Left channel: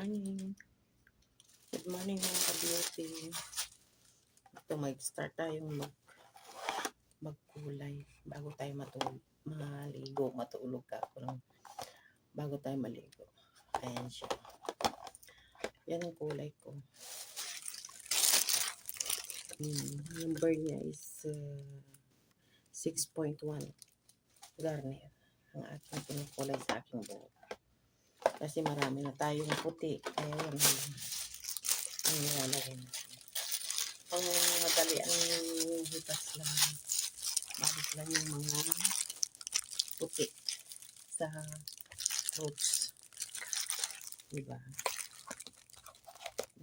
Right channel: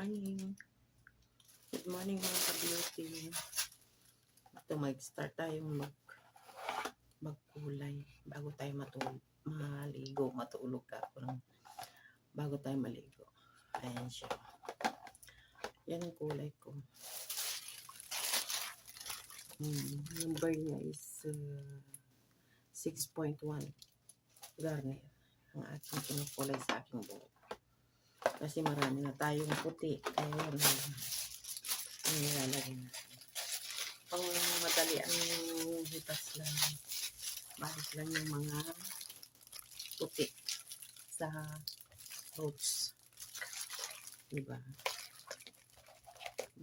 morning. Good morning mga ka-beauty. Ito mag-start tayong magkulay bago tayo maligo. Matulog ka ako ng bago tayo maligo. Ayan siya. Yan ang kulay ko. Number niya is 6.1 Garnier. Ang aking kinukulay sa aking buhok. Kasi marami na tayong puti. Kaya yan ang nilalagay natin. Pang madali ang hitas lang. Balik lang yung mga puti sa roots. Diba?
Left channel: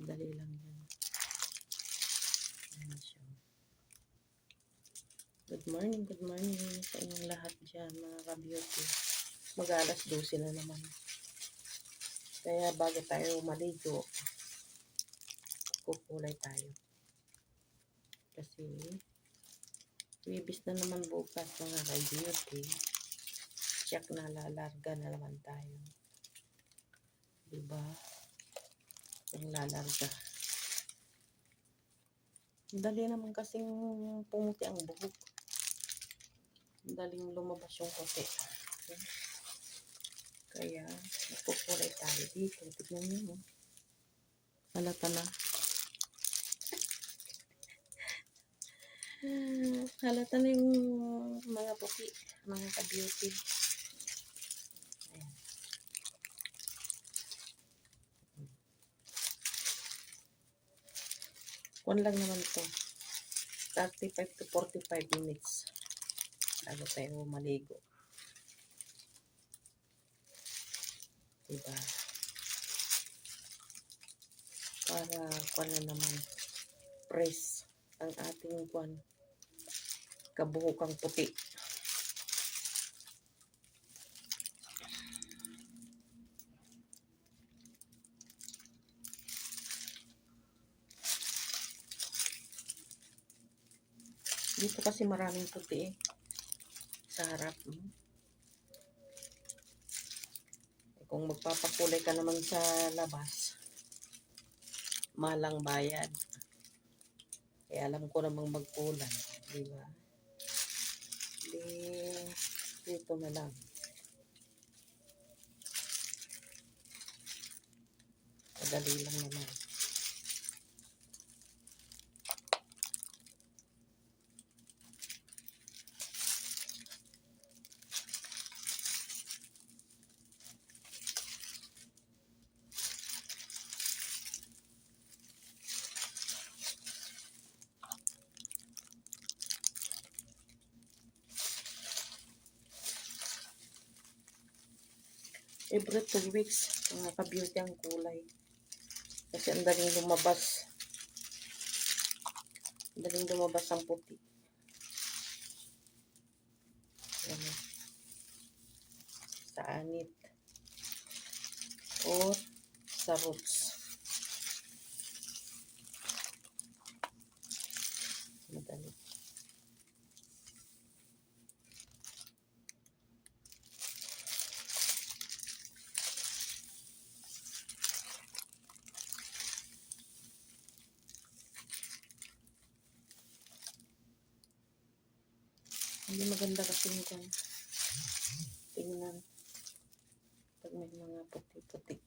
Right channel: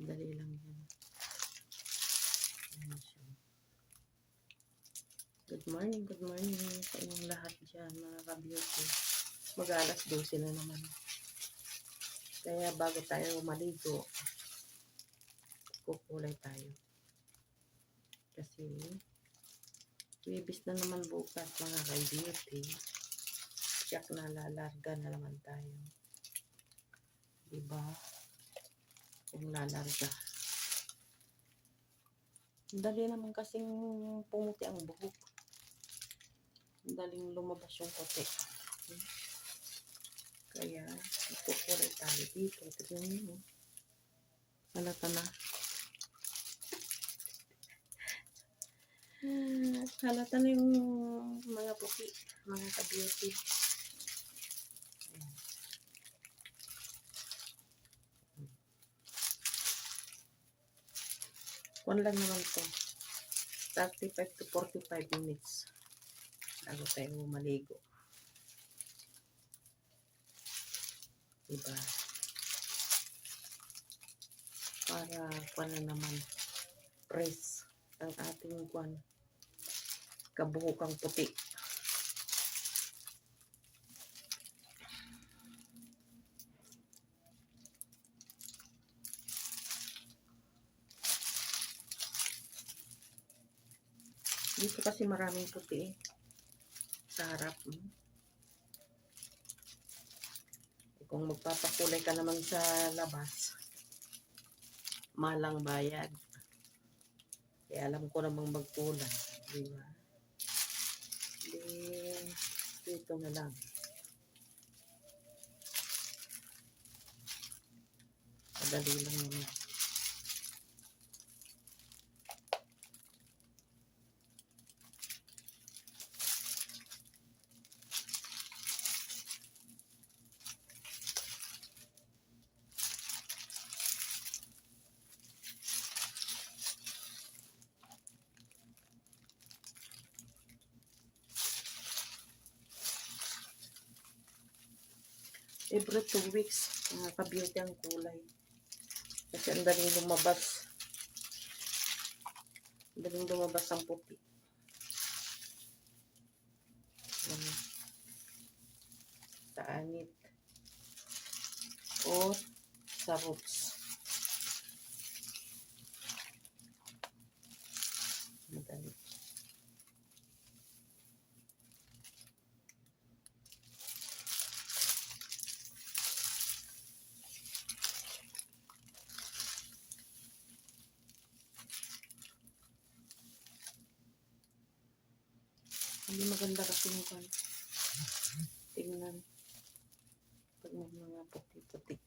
Madali lang yan. Ayan siya. Good morning sa inyong lahat dyan mga ka-beauty. Mag-alas 12 na naman. Kaya bago tayo maligo, kukulay tayo. Kasi, wibis na naman bukas mga ka-beauty. Check na lalarga na naman tayo. Diba? Kung lalarga. Dali naman kasing pumuti ang buhok. Daling lumabas yung puti. Kaya, kukulay tayo dito. Tignan nyo. Halata na. Halata na yung mga puti. Mga ka-beauty. Ayan. Kuwan lang naman to. 35 to 45 minutes. Bago tayo maligo. Diba? Para kuwan na naman press ang ating kuwan kabuhukang puti. Dito kasi maraming puti sa harap. Kung magpapakulay ka naman sa labas, malang bayad. Kaya alam ko namang magkulay. Diba? Dito na lang. Madali lang naman. Every 2 weeks, mga ka-beauty ang kulay. Kasi ang daling lumabas. Ang daling lumabas ang puti. Sa anit. Or sa roots. Madali. Hindi maganda kasi yung tingnan pag may mga puti-puti.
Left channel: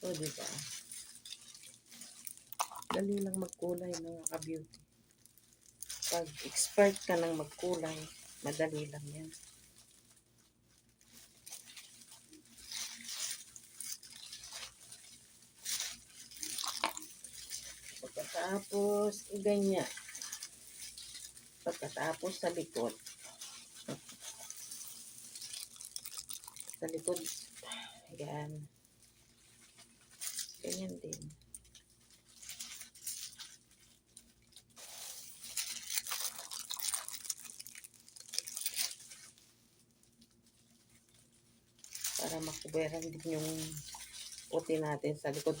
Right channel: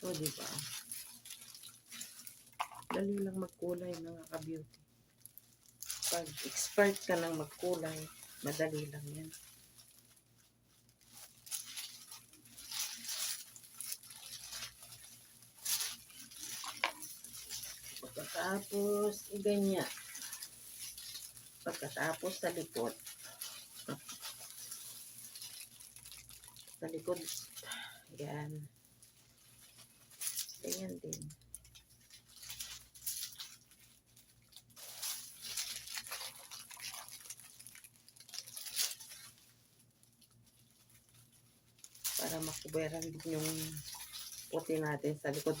O, diba? Dali lang magkulay mga ka-beauty. Pag expert ka ng magkulay, madali lang yan. Pagkatapos, ganyan. Pagkatapos sa likod. Sa likod, ayan. Ganyan din. Para makuberan din yung puti natin sa likod.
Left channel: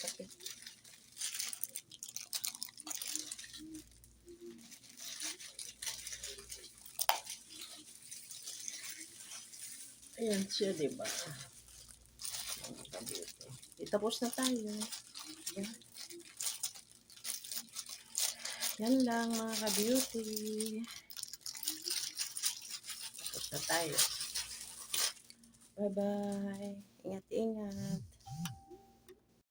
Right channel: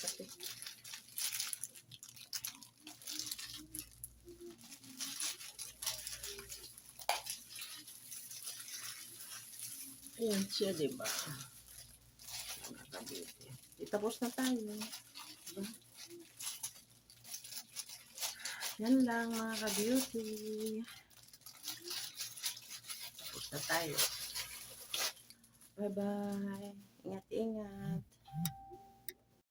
Kasi ayan siya, diba? Mga ka-beauty. Tapos na tayo. Diba? Yan lang mga ka-beauty. Tapos na tayo. Bye-bye. Ingat-ingat.